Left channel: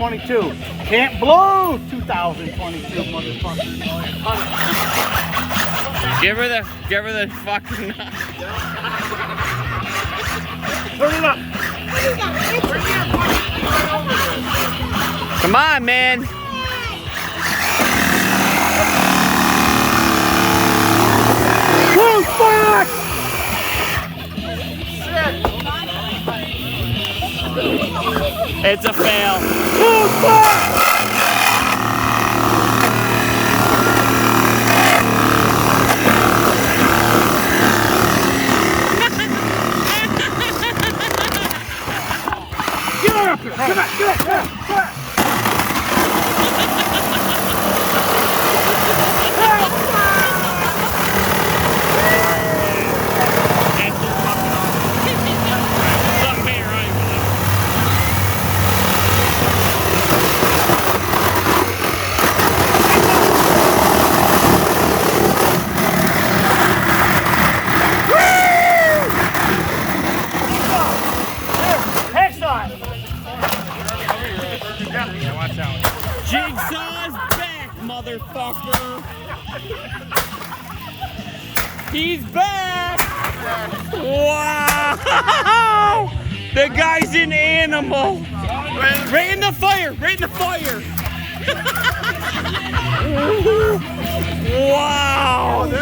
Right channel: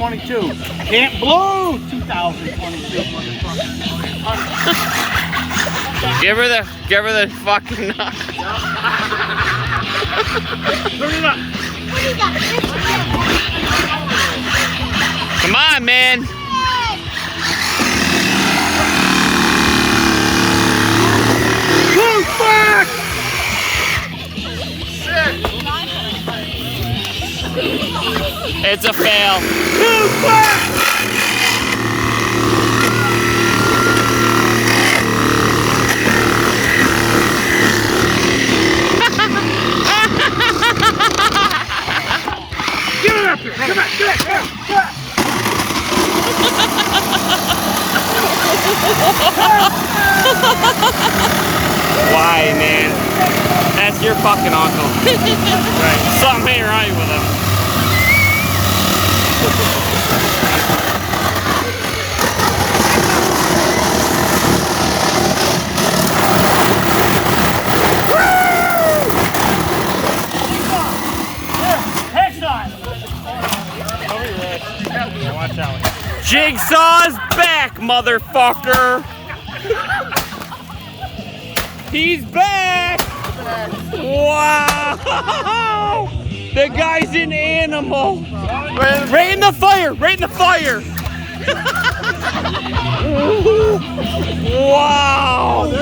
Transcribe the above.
2022. Can't blow 2022. Give her the fucking. Turn it up. Come on, man. Blue flag! It's a fail. Blue flag! Get up here! Come on, get up! Why, man? That's your fucking uncle. Something ain't right with him. Jigsaw's back, motherfucker! He's back! Wow! The guy's an animal! Right in the fire! Right in the fire! Wow!